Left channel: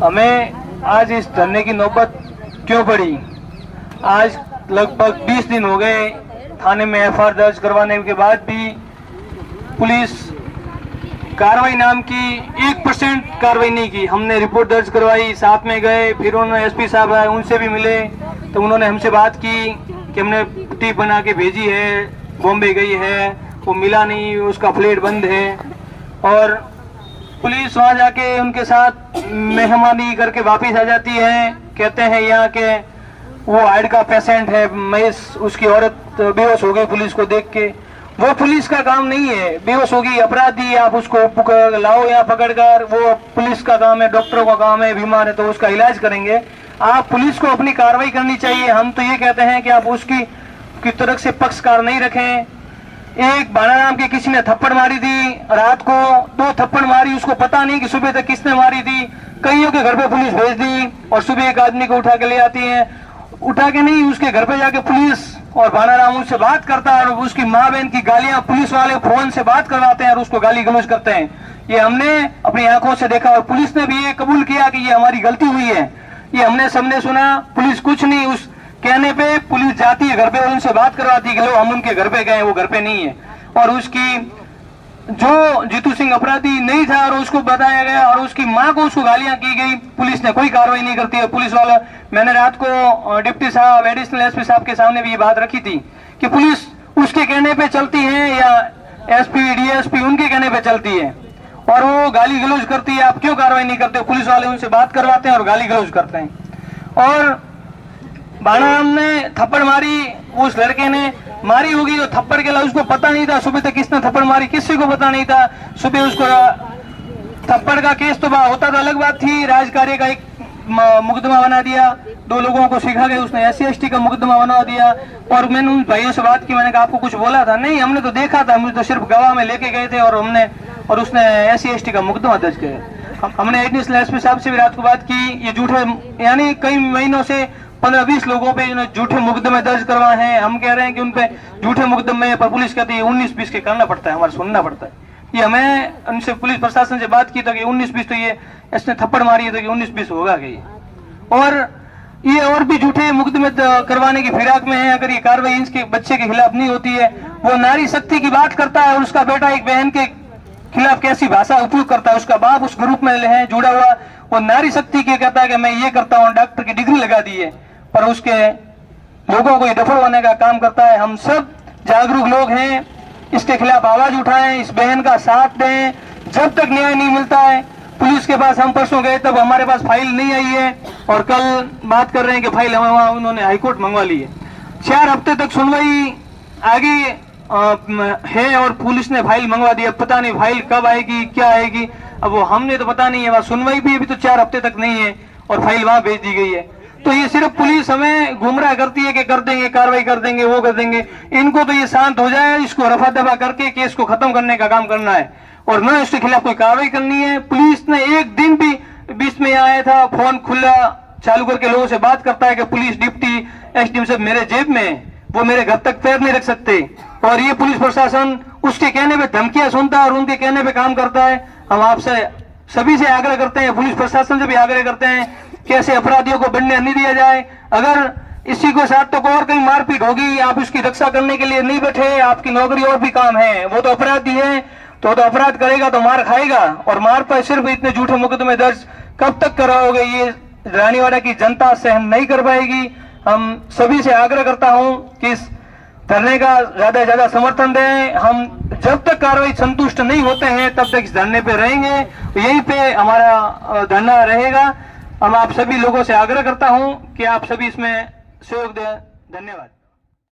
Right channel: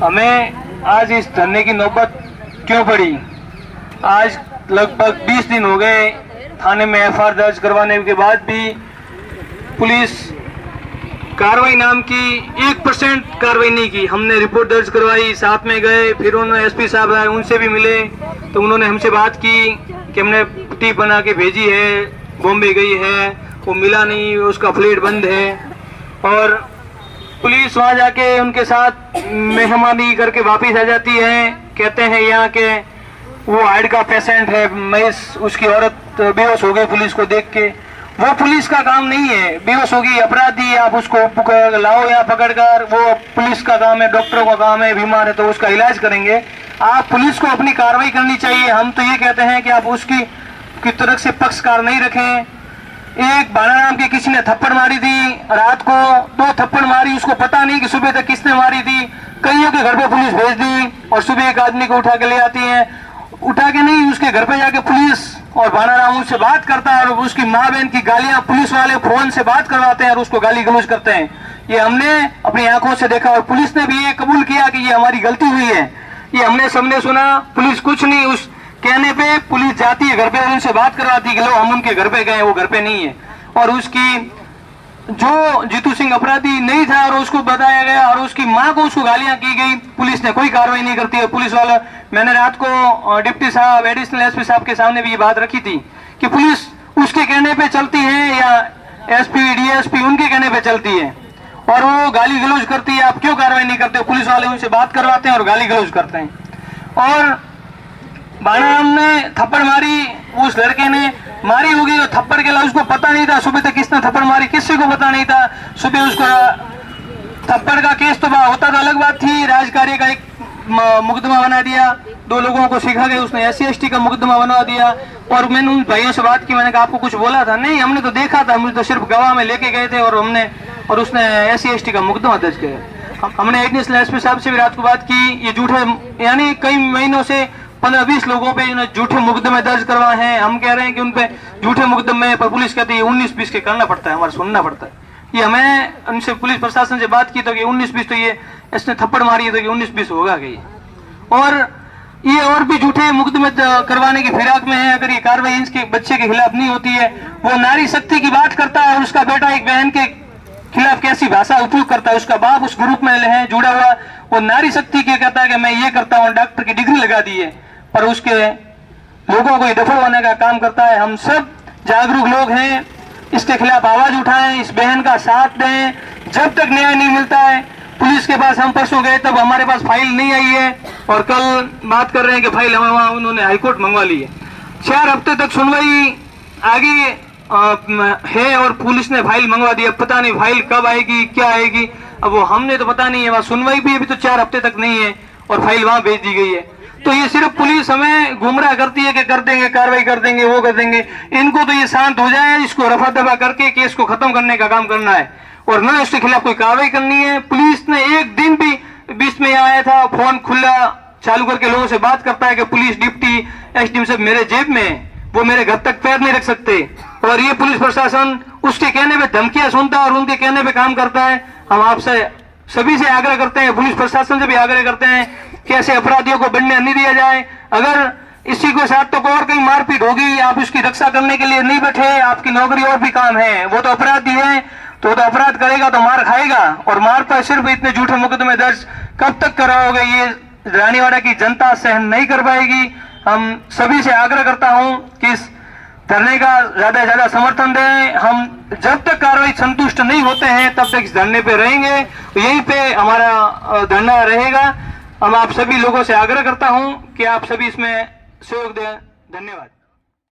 हमें आज इस धरने की नौबत क्यों पड़ी? आज लगभग 20 दिन हो गए थाने में एफआईआर दर्ज करवाने के बाद भी पुलिस कार्रवाई नाम की 1% कार्रवाई नहीं की। हमने रिपोर्ट दर्ज करवाई, साथ में गए, फिर उन्होंने एसपी साहब आए, उनसे भी मिले तो उन्होंने हमसे बात की कि हमने टीप बना के भेजी है, बॉम्बे गई है, वो मिला नहीं, उसका फ्लेट बंद है। और पुलिस वहाँ जाके उनके साथ मेहमानी करके वापस आ जाती है। कहते हैं यहाँ के वो हार्ट का पेशेंट है महेश, उसकी औरत बेहोश हो गई पुलिस को देख के। वो पुलिस का काम नहीं है, बेहोश होगी अपराधी, आप उसको लाओ या पकड़कर, वो पुलिस का काम है, डॉक्टरों का काम है, बीमार है तो उसका इलाज करेंगे। आप पुलिस को अपनी कार्रवाई करनी चाहिए। हम तो ये कहते हैं कि आप उसकी की तरफ से पक्षकार नहीं रखें। एक बाणा नाम के किसी ने थप्पड़ मारी थी, रात को 2 थप्पड़ मारी, उसको पता नहीं कि सुबह तक किसने मारी थी। कईयों के घर पे पुलिस भेज दी और सुबह एक आदमी को उठा के ले आती है। उठा के नहीं, उसके घर पे जाके पुलिस और बाणा राम उससे बात करता है और उसकी माँ बहन की गालियां पुलिस वाले फोन से बात करवाते हैं और उसको गाली गलौज करते हैं। ये हमने अपनी आंखों से देखा और पुलिस ने भी ये कबूल किया कि ये हमारी गलती हुई है। ये हमने सबने सुना, पुलिस कुछ नहीं, उस कहने पे पुलिस जाती है घर पे और उनसे बात करवाती है कि लो हम उनके घर पे गए, वो घर पे नहीं है। और उसकी जो जीतू सिंह अपराधी नहीं था और उसको बताया गया और उसकी माँ को उसको गालियां की गई, पुलिस ने कोई कार्रवाई नहीं करती है। पुलिस वाला, मैंने रात को डिप्टी साहब, एडिशनल एसपी साहब के सामने भी ये बात रखी थी कि पुलिस उसके कहने पे चलती है या एसपी डीएसपी उनके कहने पे चलती है और वो गाली गलौज करती है। आप क्यों कार्रवाई नहीं करते? पुलिस वाले उनसे बात करवाते हैं और गाली गलौज करते हैं। और बाणा ने थप्पड़ मारी, उस लड़के ने मारी होगी तो थप्पड़ के लिए उसको पता नहीं था सुबह तक किसने थप्पड़ मारी, किसी को पता नहीं था। सुबह उसको थप्पड़ का केस तो होता था, अलग बात थी। राजकार्य का एक मुकदमा बना दिया, 2 लोगों को सिखा के उसने SC/ST का मुकदमा बना दिया। और मैंने उन भाइयों से बात की, मैंने कहा आपको कुछ बोला था? नहीं, हमने तो देखा था, मुझे तो सिर्फ गवाह में लेके गए थे और उसने SC/ST का मुकदमा दर्ज किया। हमने एडिशनल एसपी साहब से भी रात को बात की। ये झूठे, यानी कई महीनों से 15-20 लोगों पे झूठे मुकदमे दर्ज करवाए हैं। हम कह रहे हैं कि उन पे झूठे मुकदमे पर पुलिस कहती है 19-20 के करना पड़ता है, हमारे सुनना पड़ता है। ये हमें उनसे पुलिस प्रशासन से बात की तो कि 19-20 तो ये इसने थप्पड़ मारी है तो कि 19-20 होगा कि। और ये और भी झूठे मुकदमे करवाने की फिराक में है। अगर ये कार्रवाई इसके बच्चे के खिलाफ नहीं होती है, वो नारी शक्ति की बात करता है और उसका बेटा एक बहन के खिलाफ कैसी भाषा उपयोग करता है, उसका बाप उस ग्रुप में है जुड़ा हुआ, वो नारी शक्ति के कहता है कि मैं ये करता हूँ, डॉक्टर की डिग्री लगा दी है, पर उसके लोगों को ये दफा होने का काम करता है। हम सब जागरूक लोग हैं, इसके खिलाफ आवाज उठाएं, इस बहन का साथ दें। जब तक न्याय नहीं मिलता है, पुलिस के पास हम परसों गए तब हमारे पास फाइल नहीं आई है और कल बात कर रहे हैं कि फाइल हमें वहां उन्होंने हाईकोर्ट मंगवा ली है। 4 हफ्ते तक सुनवाई आगे है और पुलिस ने फाइल मंगवा दी। अब पता नहीं फाइल कब आएगी, क्या आएगी, अब वो हमने तो पता नहीं है। वहां सुनवाई भी अभी तो 4 हफ्ते तक नहीं है और फाइल वहां भेज दी गई है। तो ये सिर्फ पुलिस हमें गुमराह करती है कि कर देंगे, कार्रवाई कर देंगे, वो कर देंगे। इनको तो ये शांत हो जाए, इसको रफा दफा करके केस को खत्म करने का काम करना है और न इसके खिलाफ कोई कार्रवाई करनी है। पुलिस ने एक दिन भी बीच में आया था, फोन खुला चालू करके लोगों से बात करता है कि पुलिस डिप्टी एसडीएम सब मेरे जेब में है, वो मेरे घर तक पैर नहीं रख सकते। और ये पुलिस प्रशासन उसके कहने पे धमकियां सुनता है और उनके कहने पे काम करता है। हम आपसे सभी से आग्रह करते हैं, पुलिस प्रशासन से भी आग्रह करते हैं कि ऐसे अपराधियों को बढ़ने नहीं दिया जाए। अगर इसी के साथ तो और कहीं मारपीट होगी, आप उसकी रक्षा करने के लिए नहीं बैठे, आपकी नौकरी और भी काम है। वो तो अपराधी है, तो अपराध करेगा तो मार खाएगा और मार पर सिर्फ इतने झूठे मुकदमे दर्ज कब तक कराओगे? ये रानीवाड़ा की जनता सहन नहीं कर पाएगी। हम सभी से आग्रह करता हूं कि इस धरने का ज्यादा से ज्यादा समर्थन दें। हम जब तक कार्रवाई संतुष्ट नहीं होते हैं तब तक इस धरने पे रहेंगे, तो यहीं पे हमारा धरना रहेगा। हम आप सभी लोगों से आग्रह करता हूं कि आप सभी इसमें सहयोग दें। धन्यवाद।